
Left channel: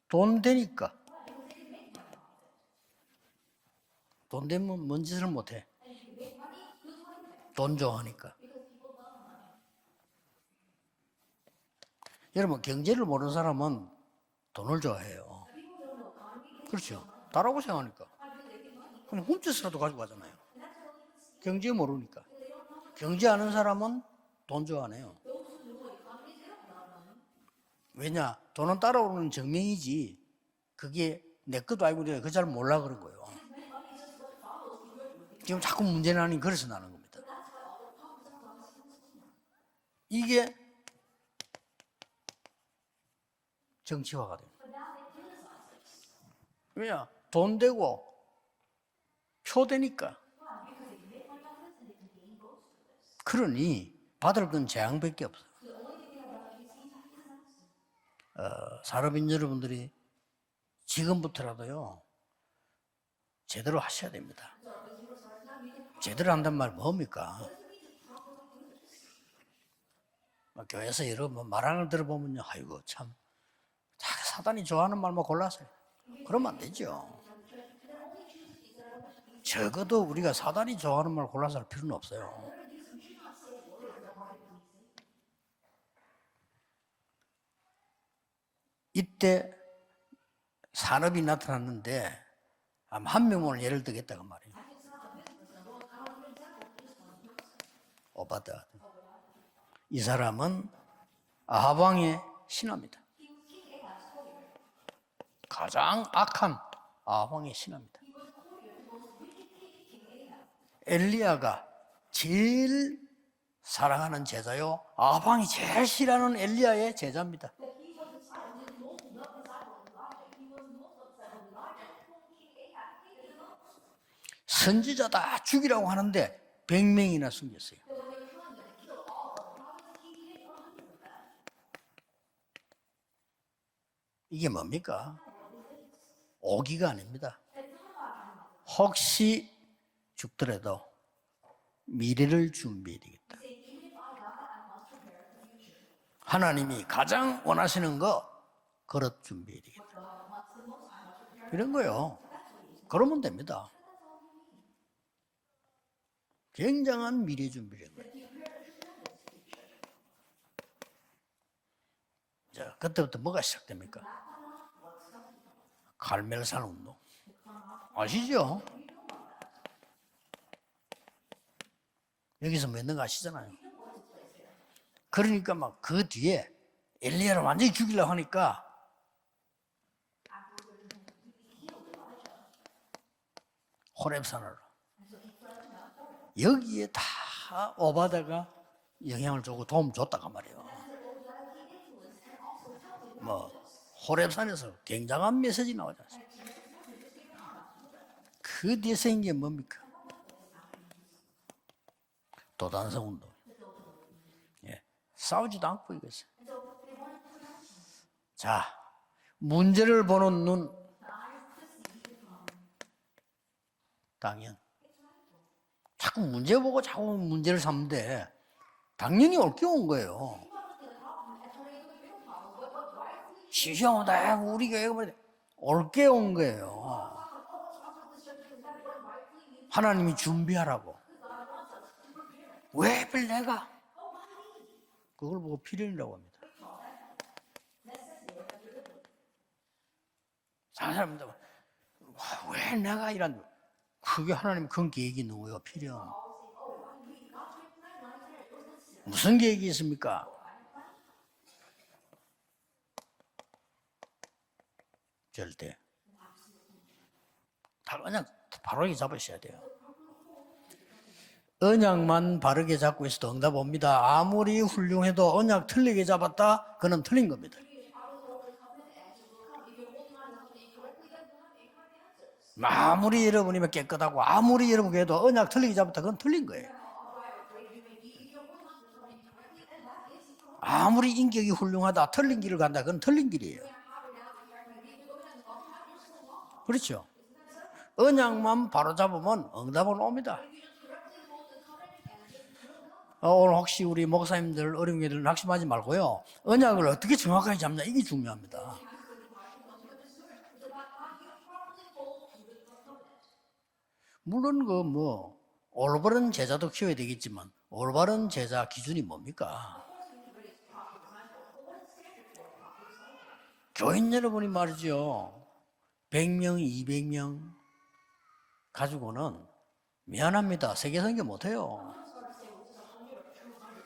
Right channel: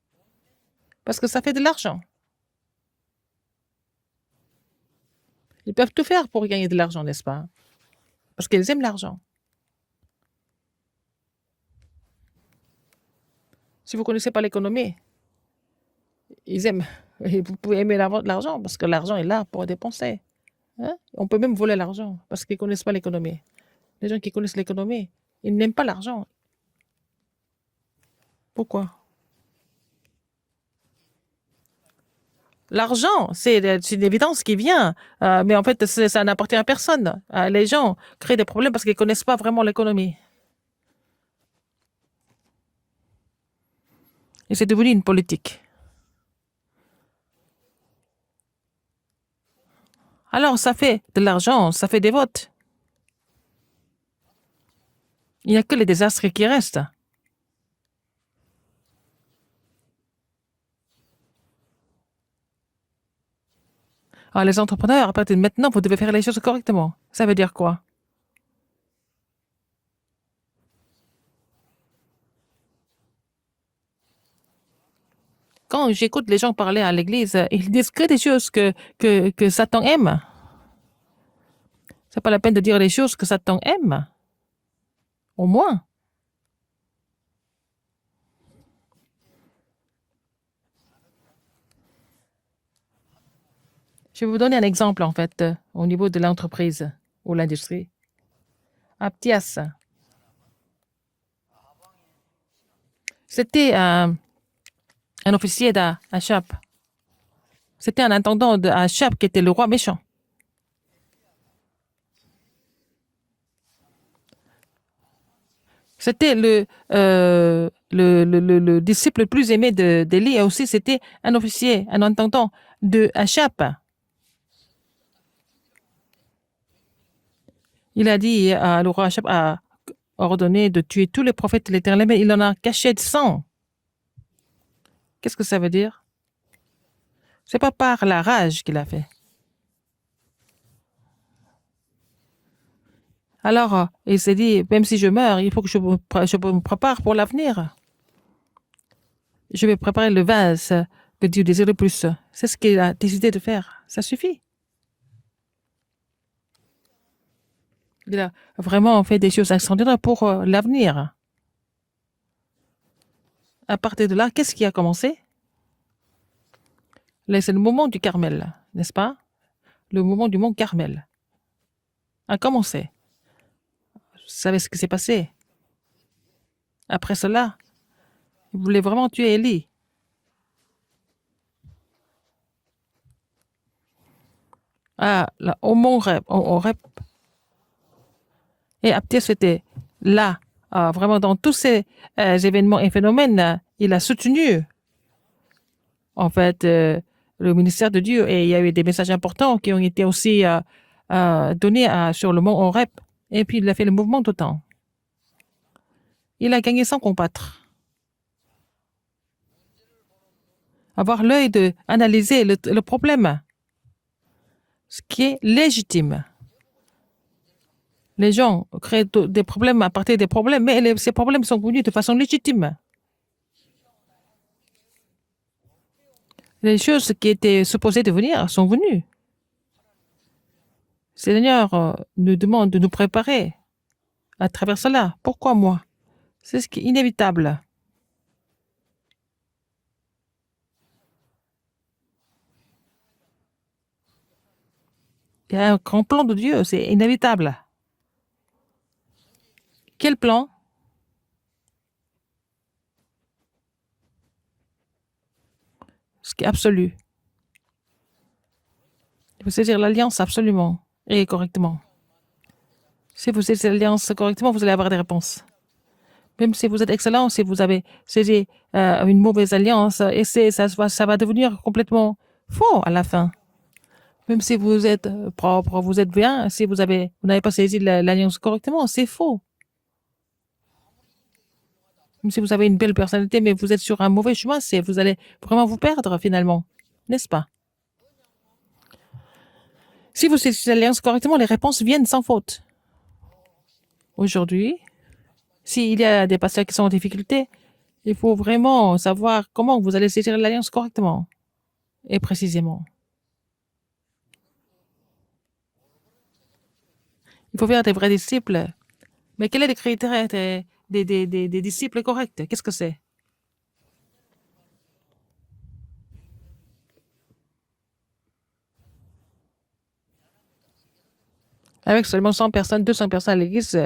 돈 되니까 parce que ça fait de l'argent. 돈 되면 뭔 짓을 못해. Ils peuvent tout faire pour gagner de l'argent, n'est-ce pas? 돈 좋아하니까. Parce qu'ils aiment l'argent. 여러분 경제를 모르는 사람은 Si vous ne connaissez pas 그걸 l'économie, 좋아해요. ils aiment. Et vous pouvez aimer l'argent parce que l'argent est là pour dépenser. Hein? On peut même voler l'argent parce qu'ils ne connaissent pas l'économie. 경제 아는 사람은 Les gens qui connaissent 돈 l'économie, 좋아해요. ils n'aiment pas l'argent. 왜냐? 돈은 pourquoi? 따라오는 증명이지. 그게 내 것도 아니고 내가 그잘 몰라. L'argent, c'est une évidence qui vient, mais en fait, ça n'appartient à personne. Les gens créent des problèmes parce qu'ils ne connaissent pas vraiment l'économie. 이게 정치화가 돼. Et c'est devenu une politique. 왜냐? 돈 되고 표 되니까. Alors, ça fait de l'argent, ça fait des votes. 그러니 받을 건 재앙밖에 없어. Il n'y a que les désastres qui restent. 산업인 여러분들이 지금부터라도요 제대로 하셔야 됩니다. Alors, les entrepreneurs, à partir de maintenant, vous devez faire les choses correctement. Ça veut dire quoi? 교회에서 여러분 말하는 걸 들어보면요, 아이고 참 사단이 좋아하는 말만 골라서. Quand j'écoute les gens parler à l'église, ils disent que des choses que Satan aime. 우리가 사단이 좋아하는 말 골라서 할 필요는 없어요. C'est pas la peine de dire les choses que Satan aime. Au moins. 이때 산업이 나타났는데 한 명을 예를 들겠다. Je vais vous donner un exemple, en fait, au niveau de l'entreprise ou l'industrie. 오바다. Aptias, 이 사람은 아하방의 신하입니다. c'était un officier d'Achab. 악한 아하방의 신하입니다. C'était un intendant d'Achab qui était le roi méchant. 엘리야가 제일 사랑하는 제자요. 아방이 제일 C'était 싫어하는 엘리야의 제자. le disciple le plus aimé d'Élie et aussi c'était un officier, un intendant de Achab. 선지자다 죽이라고 하는데 100명이나 숨겼어요. Il a dit, le roi Achab a ordonné de tuer tous les prophètes de l'Éternel, mais il en a caché 100. 이게 뭡니까? Qu'est-ce que ça veut dire? 오기가 아닙니다. C'est pas par la rage qu'il a fait. 혹시 죽더라도 미래를 준비해야 되겠다. Alors, il s'est dit, même si je meurs, il faut que je me 하나님이 prépare pour 가장 l'avenir. 원하시는 거 그릇 준비. Je vais préparer le vase que Dieu désire le plus. C'est ce qu'il a décidé de faire. Ça suffit. 굉장한 미래 준비를. Il a vraiment fait des choses extraordinaires pour l'avenir. 자, 그때부터 뭐가 시작? À partir de là, qu'est-ce qui a commencé? 갈멜산 운동. Là, c'est le moment du Carmel, n'est-ce pas? Le moment du mont Carmel a 여기서 commencé. 믿는 거 아시잖아요. Vous savez ce qui s'est passé? 그러니까 막 그 뒤에 Après 엘리야를 cela, 완전히 죽이려고 하니까 il voulait vraiment tuer Élie. 호렙산을 Ah, là, au mont Horeb. 여기에 다 오바다가 Et Aptias 영향을 était 주고 도움 줬단 là. 말이에요. Vraiment, dans tous ces événements et phénomènes, il a soutenu, 호렙산에서 굉장한 메시지 나오지 않습니까? en fait, le ministère de Dieu. Et il y a eu des messages importants qui ont été aussi donnés sur le mont Horeb. 반성 운동. Et puis, il a fait le mouvement d'OTAN. 싸우지도 않고 이겼어요. Il a gagné sans combattre. 자, 문제를 보는 눈 Avoir l'œil d'analyser le problème. 당연 ce qui est 자꾸 légitime. 문제 보고 자꾸 문제를 삼는데 Les gens créent 당연히 des problèmes 옳게 à 온 partir des 거예요. problèmes, mais ces problèmes sont venus de façon légitime. 시시하다 우리 교회가 뭐 옳게 온 Les 거예요. choses qui étaient supposées de venir sont venues. 하나님이 준비하라고. Seigneur nous demande de nous 왜 préparer 내가? à travers cela. 그걸 Pourquoi 보고 moi? 필연이라고 합니다. C'est ce qui est inévitable. 다른 사람들 왜 내가 이런 그게 하나님 큰 계획이 있는 Il y a un 거예요. grand plan de Dieu, c'est inévitable. 무슨 계획이 Quel 있습니까? plan? 절대 Ce qui est absolu. 다 그냥 바르게 잡으셔야 Il 돼요. faut saisir l'alliance absolument et correctement. 언약만 바르게 잡고 있어도 Si vous 응답 saisissez 옵니다. l'alliance correctement, 아무리 vous allez avoir des 훌륭해도 réponses. 언약 틀리게 Même 잡았다. si vous êtes 그럼 excellent, si 틀린 vous avez saisi une mauvaise alliance, et ça va devenir complètement faux à la 아무리 fin. 여러분이 깨끗하고 Même si 아무리 vous êtes 여러분이 언약 틀리게 propre, vous 잡았다. êtes 그건 틀린 bien, si 거예요. vous n'avez pas saisi l'alliance correctement, c'est faux. 아무리 인격이 훌륭하다. Même 틀린 si vous 길을 avez une 간다. belle 그건 틀린 personnalité, mais 길이에요. vous êtes sur un mauvais chemin, vous allez vraiment vous perdre finalement. 그렇죠. N'est-ce pas? 언약만 바로 잡으면 응답은 Si 옵니다. vous saisissez l'alliance correctement, les réponses viennent sans faute. 오늘 혹시 우리 Aujourd'hui, 목사님들 어려운 게들 낙심하지 s'il y a 말고요. des pasteurs qui sont en 언약을 어떻게 difficulté, 정확하게 잡냐 이게 il faut 중요합니다. vraiment savoir comment vous allez saisir l'alliance correctement et précisément. 물론 그 올바른 제자도 키워야 되겠지만 Il faut faire des vrais 올바른 disciples. 제자 기준이 뭡니까? Mais quels sont les critères des disciples corrects? Qu'est-ce que c'est? 교인 여러분이 말이죠. 100명, 200명 가지고는 미안합니다. 세계 선교 못해요. Avec seulement 100 personnes, 200 personnes à l'église,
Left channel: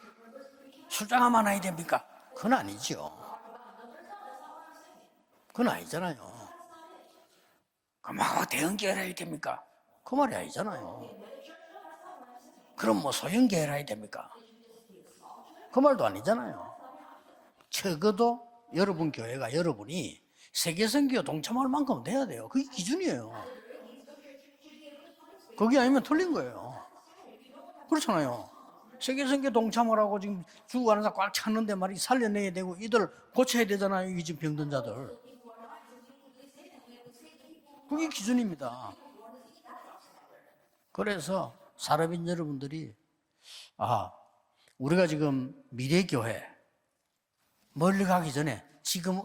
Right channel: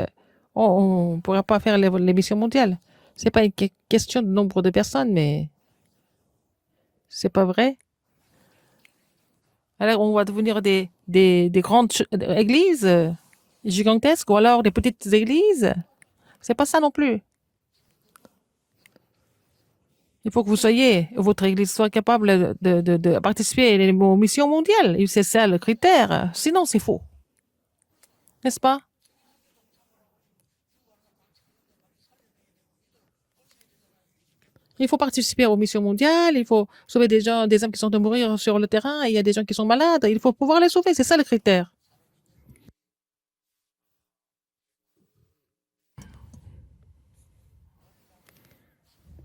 on ne pourrait pas faire les missions 그건 mondiales. 아니죠. Ce n'est pas une question de nombre de personnes, mais 그건 아니잖아요. c'est pas vrai. 그럼 대형 교회를 해야 됩니까? Alors, on va 그건 devenir 아니잖아요. des grandes églises 그럼 소형 교회를 해야 됩니까? gigantesques ou alors des petites églises. 그 말도 아니잖아요. C'est pas ça non plus. 적어도 여러분 교회가 여러분이 Il faut que vous 세계 soyez, 선교에 votre église soit 동참할 만큼 capable 돼야 돼요. 그게 de 기준이에요. participer aux missions mondiales. Et c'est ça le 그게 아니면 critère. 틀린 거예요. Sinon, c'est faux. 그렇잖아요. N'est-ce pas? 세계 선교 동참을 하고 지금 죽어가는 사람 꽉 찼는데 말이 살려내야 되고 이들 고쳐야 되잖아요. 이 지금 병든 자들. Il faut participer aux missions mondiales, il faut sauver des gens, des hommes qui sont de Oui, mourir qui sont sur le là. terrain, et il y a des gens qui sont malades, il faut pouvoir les sauver, c'est ça le 그래서 critère. 사람인 여러분들이 우리가 지금 미래 교회 멀리 가기 전에 지금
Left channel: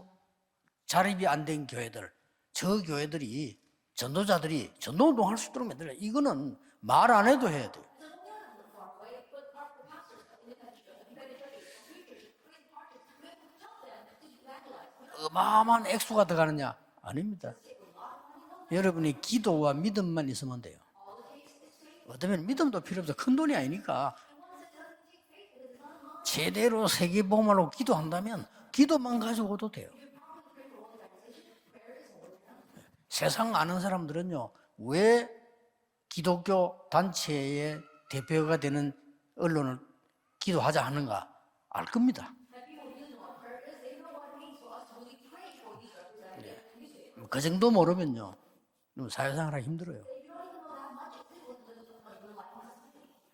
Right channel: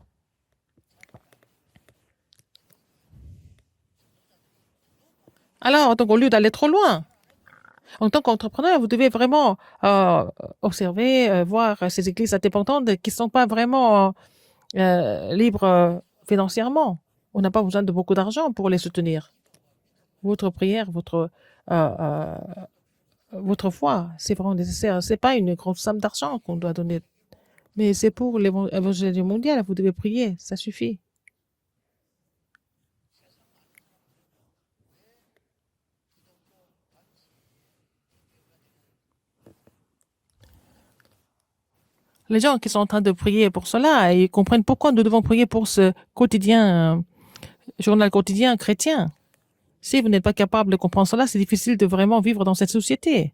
자립이 안 된 교회들 저 교회들이 전도자들이 전도운동 할 수 있도록 Alors, donc, au lieu d'aller trop loin, 말 안 해도 해야 돼. en tant qu'entrepreneur, vous devez vraiment observer, voir ces églises indépendantes qui ne sont pas vraiment libres 액수가 들어가느냐? financièrement. On 아닙니다. n'a pas besoin de beaucoup d'argent pour les 여러분의 soutenir. 기도와 믿음만 Votre 있으면 prière, votre 그다음에 믿음도 필요 없어. 큰 돈이 votre foi, 아니니까. c'est vraiment nécessaire. C'est pas une grosse somme d'argent qu'on doit 제대로 donner. 세계 복음으로 Mais c'est pour 기도한다면 l'évangile 기도만 mondial, 가지고도 vous 돼. devez prier, ça suffit. 세상 아는 사람들은요. 왜 기독교 단체의 대표가 되는 언론을 기도하자 하는가 알 겁니다. Les gens qui sont en train de prier pour cela, ils comprennent pourquoi nous devons prier pour ce quotidien, 그 정도 journal 모르면 quotidien chrétien. 사회생활하기 힘들어요. Si vous n'êtes pas capable de comprendre cela, c'est difficile de vraiment vivre dans cette société.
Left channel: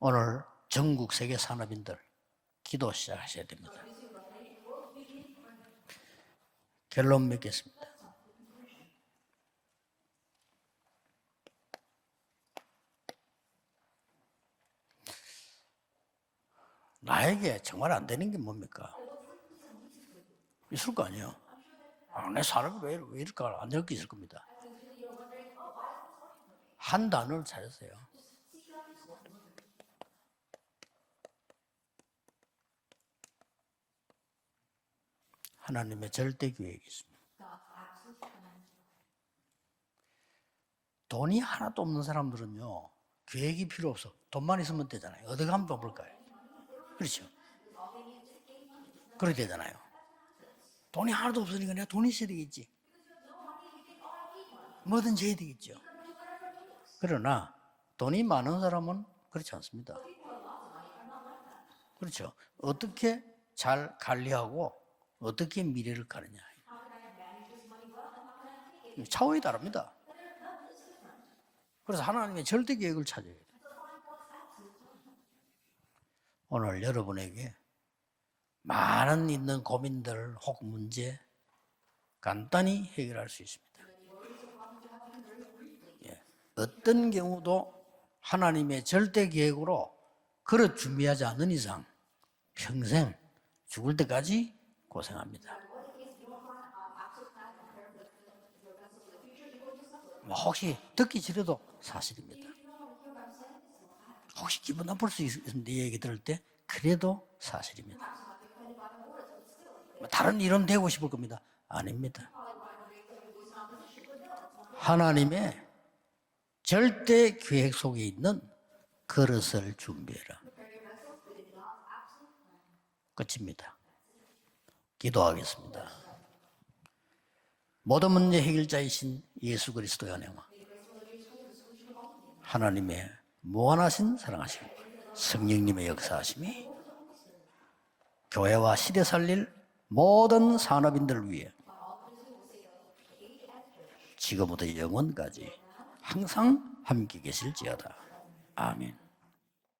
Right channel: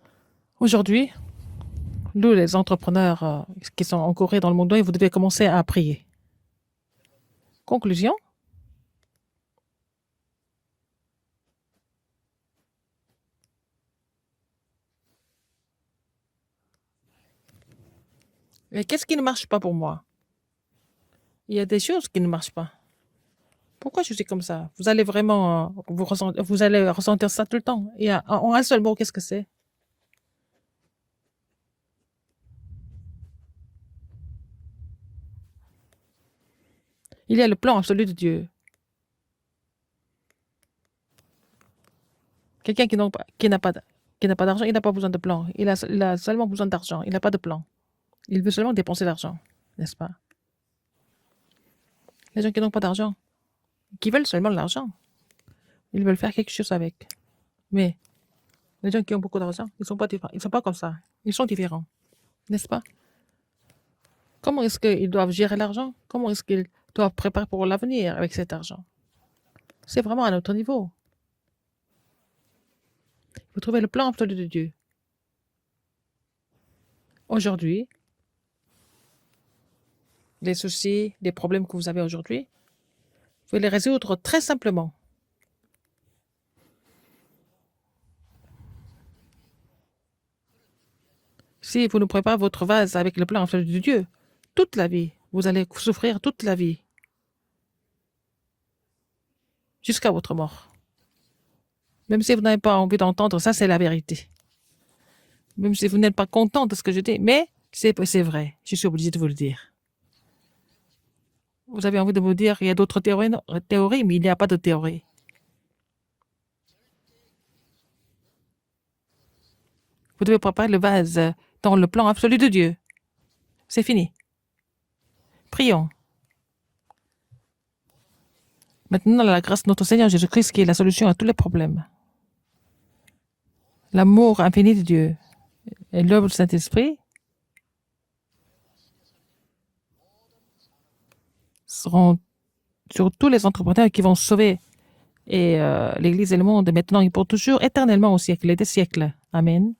오늘 Aujourd'hui, 전국 세계 산업인들 nous, les entrepreneurs qui sont en Corée, dans le monde, vous devez commencer à prier. 결론 맺겠습니다. Conclusion, 나에게 정말 안 되는 게 뭡니까? mais qu'est-ce qui ne marche pas pour moi? 있을 거 아니에요. Il y a des choses qui ne 왜 marchent pas. 사람이 왜 이럴까 안 Pourquoi je suis 되겠습니까? comme ça? Vous allez vraiment vous allez ressentir ça tout le temps. Il y a, en un seul mot, qu'est-ce que c'est? 하나님의 절대 계획이 있습니다. Il y a le plan absolu de Dieu. 돈이 하나도 없는 사람들은요. Quelqu'un qui n'a 계획이 pas, 필요 없어. qui n'a pas 돈만 d'argent, il n'a pas 있으면 besoin de 돼. plan. 어디 Il 가면 a seulement besoin d'argent. Il n'a pas de plan. Il veut seulement dépenser l'argent, 그래야 되잖아요. n'est-ce pas? 돈이 하나도 없으니까 내가 돈이 있어야 Les gens qui 되겠지. n'ont pas d'argent, qui veulent seulement l'argent, 뭐든지 해야 되겠죠. ils veulent faire quelque chose avec. 그러나 Mais 돈이 많은 사람은 les gens qui ont beaucoup 그렇지 d'argent, ils 않습니까? sont pas différents. Ils sont pas comme ça. Ils sont différents. 그렇죠. n'est-ce pas? 어떻게 잘 관리하고 Comment est-ce qu'ils doivent gérer 어떻게 l'argent? 미래를 Comment est-ce qu'ils doivent préparer pour l'avenir avec cet argent? 차원이 다릅니다. C'est vraiment à notre niveau. 그래서 하나님의 절대 계획을 찾아요. Vous trouvez le plan absolu de Dieu. 오늘 여러분에게 Aujourd'hui, 많은 있는 고민들, les 혹은 soucis, 문제 les problèmes que vous avez aujourd'hui, 간단히 해결할 수 vous pouvez 있어요. les résoudre très simplement. 어떤 경우도 하나님의 절대 계획으로 그릇 준비하지 않는 이상 Si vous ne prenez pas votre vase avec le plan absolu de 죽을 Dieu, 때까지 toute la vie, 고생합니다. vous allez souffrir toute la vie, jusqu'à votre mort. 혹시 듣기 싫어도 사실 Même si vous n'avez pas envie d'entendre, ça c'est la vérité. 혹시 기분 나쁠 수 있는 Même si vous 얘기 n'êtes 들을 pas 때 content de ce que je dis, 그래도 mais 사실이에요. c'est vrai, je suis obligé de vous le dire. 다른 이론 되고 싶을 겁니다. Vous avez envie de vous dire qu'il y a d'autres théories, mais il n'y a pas de théorie. 하나님의 절대 계획 속에 있는 그릇을 준비해. Vous devez préparer le vase dans le plan absolu de Dieu. 끝입니다. C'est fini. 기도하겠습니다. Prions. 모든 문제 해결자이신 Maintenant, la grâce de notre Seigneur Jésus-Christ qui est la solution à tous les problèmes. 하나님의 무한하신 L'amour infini de Dieu 성령님의 et l'œuvre du 역사하시니 Saint-Esprit 교회와 시대 살릴 모든 산업인들을 위해 seront sur tous les entrepreneurs qui vont sauver 지금부터 영원까지 et l'Église et le monde maintenant et pour toujours, éternellement au siècle et des siècles. Amen.